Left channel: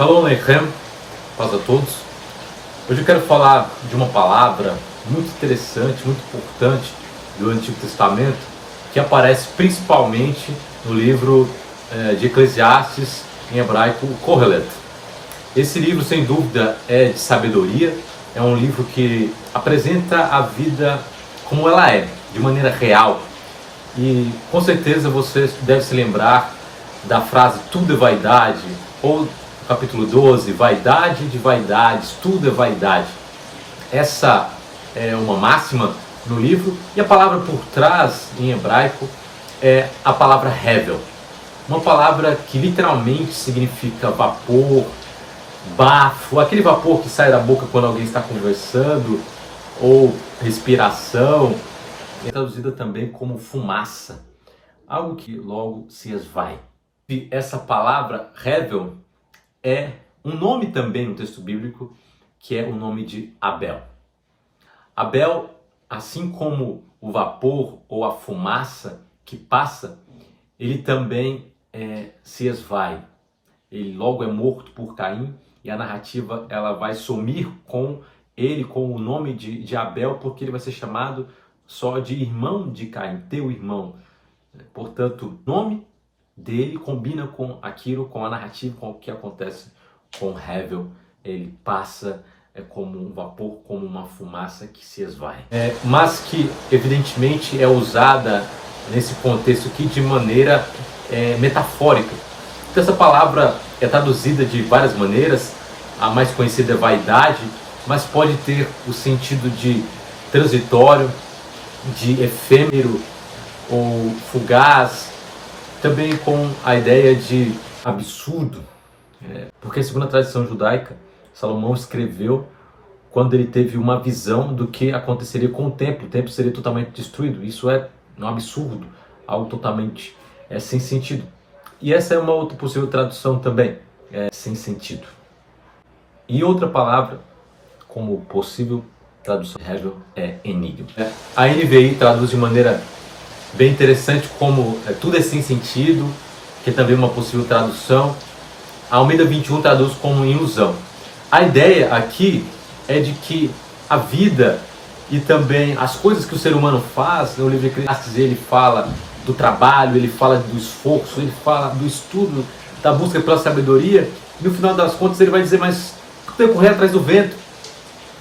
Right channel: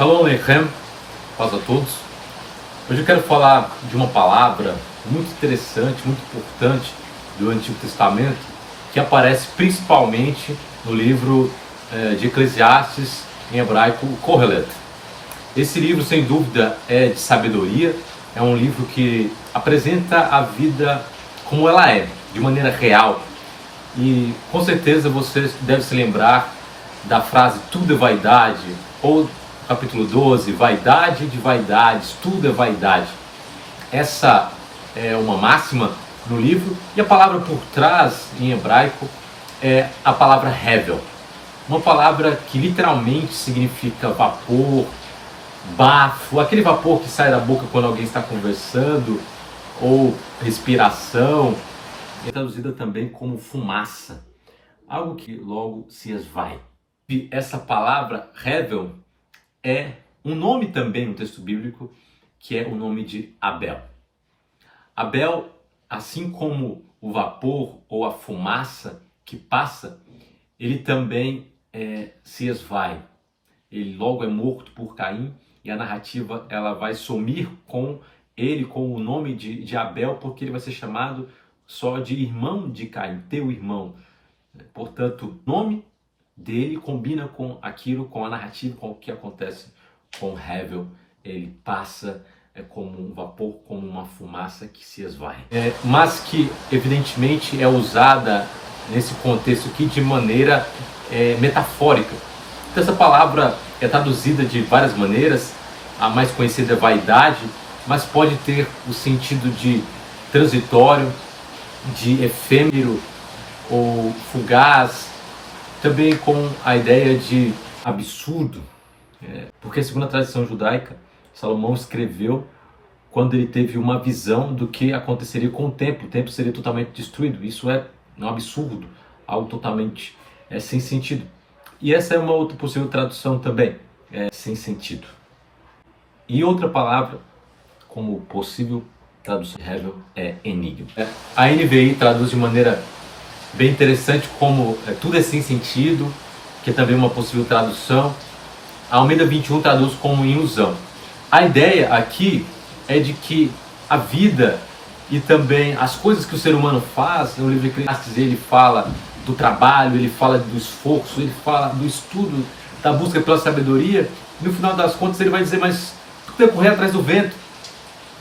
Shalom Aleichem, paz a todos. Hoje eu quero falar de uma palavra muito interessante, muito importante do Antigo Testamento, que aparece principalmente no livro de Eclesiastes, em hebraico, o Kohelet. Esse livro, sem dúvida, é de sabedoria, é um livro que apresenta a vida como ela é, de maneira real. E com certeza você deve se lembrar da frase tudo é vaidade, ou capítulo 12, vaidade de vaidades, tudo é vaidade. Essa é uma máxima no livro, e a palavra por trás, em hebraico, é a palavra hevel. Uma palavra que literalmente significa vapor, bafo, aquele vapor que sai da boca quando alguém está conversando, ou respiração. É traduzida também como fumaça, algo que logo se esvai. E essa palavra hevel é um nome também no texto bíblico, que é o nome de Abel. Abel, assim como o vapor ou a fumaça que passa, ele também se esvai. Ele logo é morto por Caim, e a narrativa ela vai sumir com ele, com o nome de Abel, porque ele vai ser chamado só de irmão de Caim, teu irmão. Portanto, o nome dele combina com aquilo, com a narrativa, com o que acontece com Hevel. Ele passa como um vapor, como uma fumaça que se esvai. Mas que, evidentemente, é usada nesse contexto aqui de maneira metafórica. Então, essa palavra é traduzida de várias maneiras. A mais conhecida é vaidade, mas pode ter o sentido de transitório, de efêmero ou fugaz, também com a ideia de absurdo, porque segundo a tradição judaica, Salomão escreveu quando ele teve uma visão do que aconteceria com o templo seria totalmente destruído. Isso é um absurdo, algo totalmente sem sentido. E essa é uma outra possível tradução também, sem sentido. E outra palavra, como possível tradução é enigma. A NVI traduz de maneira bem interessante como tudo é sem sentido, que é também uma possível tradução. A Almeida 21 traduz como ilusão. A ideia aqui é de que a vida e também as coisas que o ser humano faz, no livro de Eclesiastes ele fala do trabalho, ele fala do esforço, ele fala do estudo, da busca pela sabedoria, e no final das contas ele vai dizer, mas tudo é correr atrás do vento.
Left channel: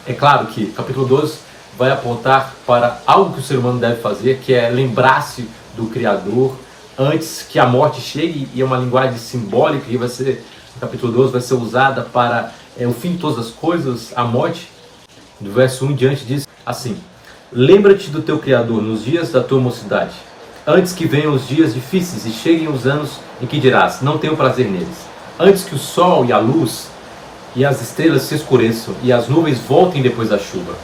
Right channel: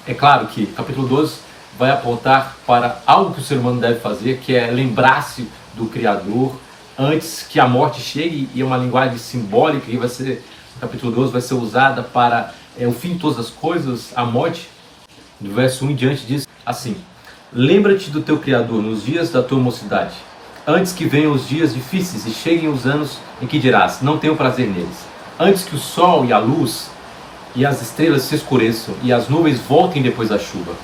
É claro que capítulo 12 vai apontar para algo que o ser humano deve fazer, que é lembrar-se do Criador antes que a morte chegue, e é uma linguagem simbólica que vai ser, no capítulo 12, vai ser usada para o fim de todas as coisas, a morte. Do verso 1 em diante diz assim: lembra-te do teu Criador nos dias da tua mocidade, antes que venham os dias difíceis e cheguem os anos em que dirás, não tenho prazer neles, antes que o sol e a luz e as estrelas se escureçam e as nuvens voltem depois da chuva,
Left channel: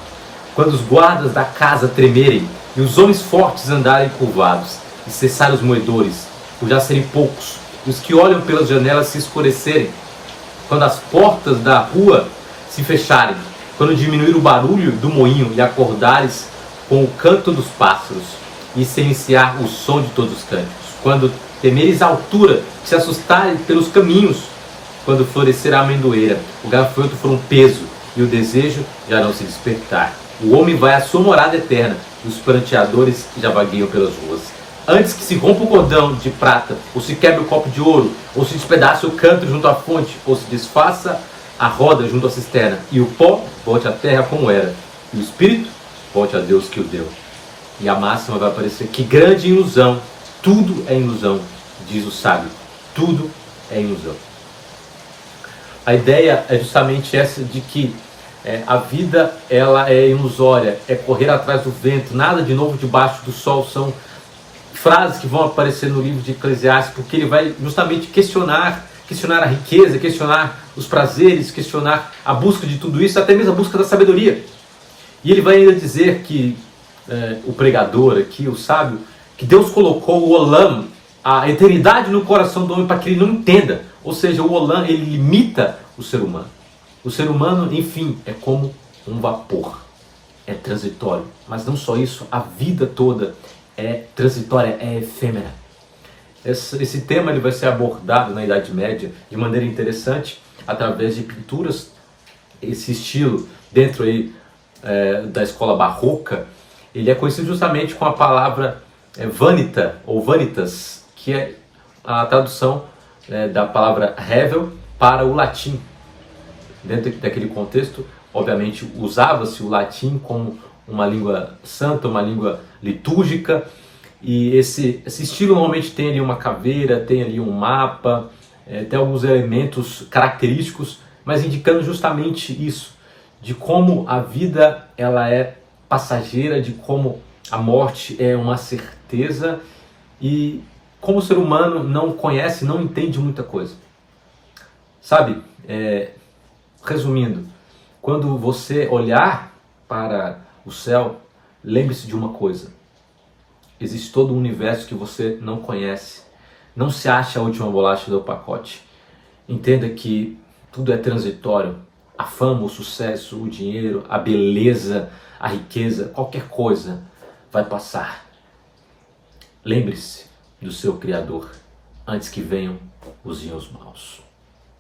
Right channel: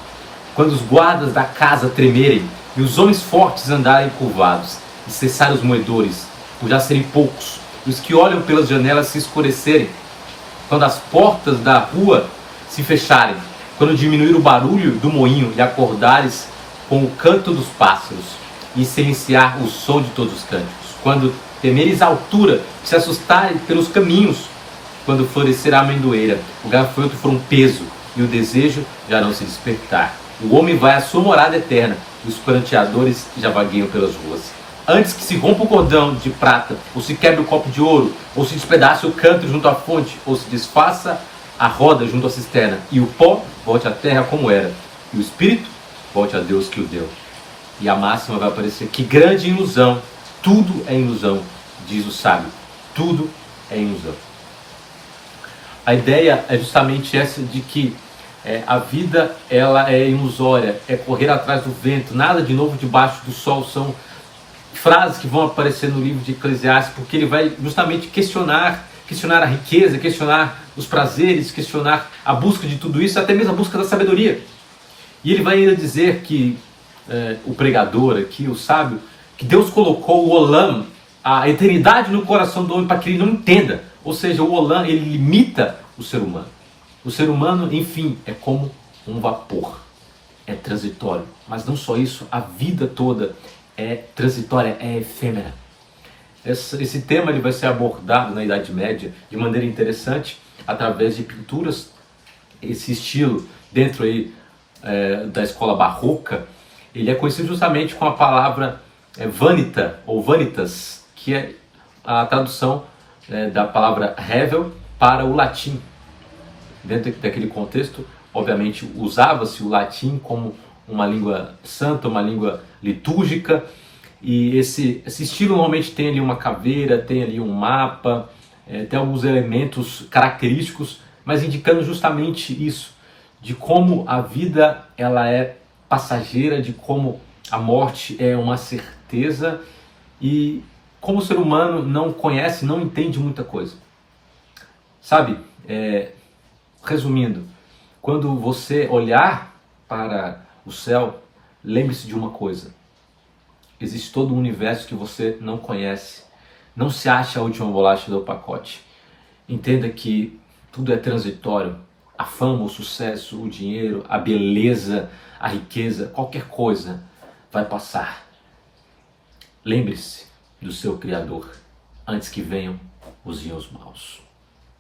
quando os guardas da casa tremerem e os homens fortes andarem curvados e cessarem os moedores, por já serem poucos, e os que olham pelas janelas se escurecerem, quando as portas da rua se fecharem, quando diminuir o barulho do moinho e acordares com o canto dos pássaros e se iniciar o som de todos os cânticos, quando temeres a altura, se assustarem pelos caminhos, quando florescer a amendoeira, o gafanhoto for um peso e o desejo já não se despertar. O homem vai à sua morada eterna e os pranteadores já vagueiam pelas ruas. Antes que se rompa o cordão de prata, ou se quebre o copo de ouro, ou se despedace o canto junto à fonte, ou se desfaça a roda junto à cisterna, e o pó volte à terra como era, e o espírito volte a Deus que o deu. E a máxima vai aparecer: que grande ilusão, tudo é ilusão, diz o sábio, tudo é ilusão. A ideia é justamente essa de que a vida ela é ilusória, é correr atrás do vento, nada de novo debaixo do sol. São frases que vão aparecer no livro de Eclesiastes, porque ele vai justamente questionar a riqueza, questionar os prazeres, questionar a busca de tudo isso, até mesmo a busca da sabedoria. E ele vai ainda dizer que o pregador aqui, o sábio, que Deus colocou o Olam, a eternidade, no coração do homem para que ele não entenda. Ou seja, o Olam, ele limita o ser humano. O ser humano, enfim, é como um vapor. É transitório. Mas não só isso, a vida toda é transitória, é efêmera. Esse tema ele vai ser abordado na Idade Média de maneira interessante, através de pinturas. Esse estilo dentro aí da escola barroca, ele é conhecido justamente com a palavra vanita ou vanitas, que é a tradução da palavra revel para o latim. Dentro daquele contexto, obviamente, usava-se o latim como uma língua santa, uma língua litúrgica, e esse estilo normalmente tem ali uma caveira, tem ali um mapa, tem alguns elementos característicos, mas indicando justamente isso, de como a vida ela é passageira, de como a morte é uma certeza e como o ser humano não conhece, não entende muita coisa. Sabe, resumindo, quando você olhar para o céu, lembre-se de uma coisa: existe todo um universo que você não conhece. Não se acha a última bolacha do pacote. Entenda que tudo é transitório. A fama, o sucesso, o dinheiro, a beleza, a riqueza, qualquer coisa vai passar. Lembre-se do seu Criador antes que venham os dias maus.